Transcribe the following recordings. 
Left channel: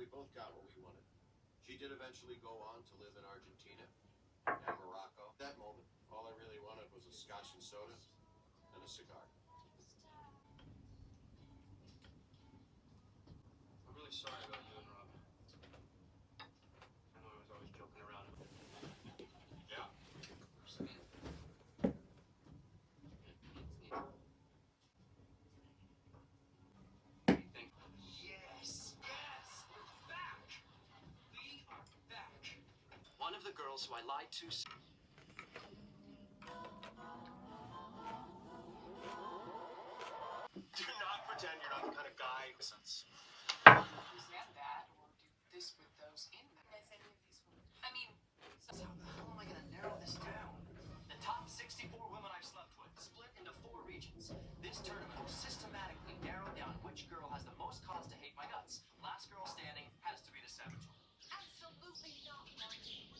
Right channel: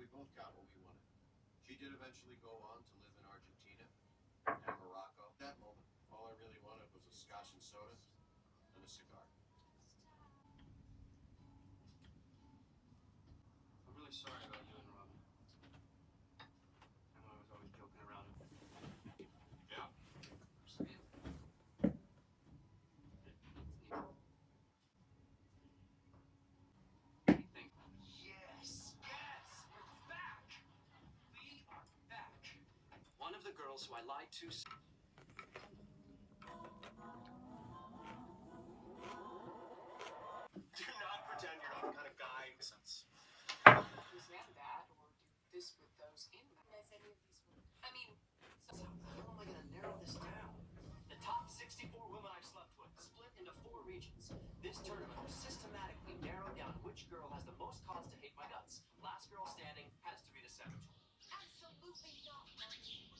we both got what we wanted. She did eventually go on to live in Argentina and Morocco. At that moment, all I really wanted was a scotch and soda and a cigar. I'm really sorry about you and Robin. I know I was always joking around. Yeah. Anything. Yes! Yes! We're back! We are back. One of the girls who I lied to. Do not pretend you're not the kind of guy who sense. Resent that or do this with those in them. As any of these women. I mean, So how am I going to narrow this down? The top 64 women I've slept with, split into 4 regions. This tournament will systematically narrow down which girl has the most cause to hate my guts. Last girl standing has to be the savage one. absolutely not, Marty.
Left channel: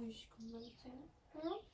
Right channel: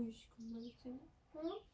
Aşkım ben seni. Hı?